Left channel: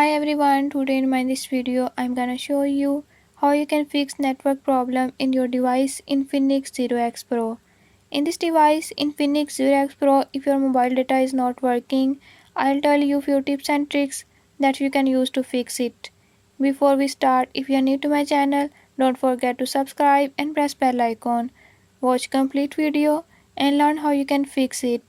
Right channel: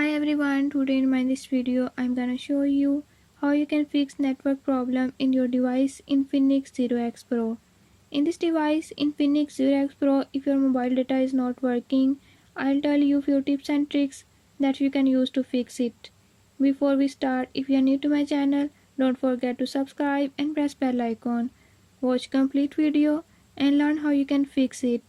Hi everyone, today in this video I'm gonna show you how you can fix network problem in your device Infinix 0X Pro. In this device Infinix 0X Pro, if your mobile data is not working, I'll tell you few tips and tricks that you can use to fix it. Before we start, if you are new to my channel, don't forget to subscribe and press bell icon. Watch complete video and learn how you can fix it.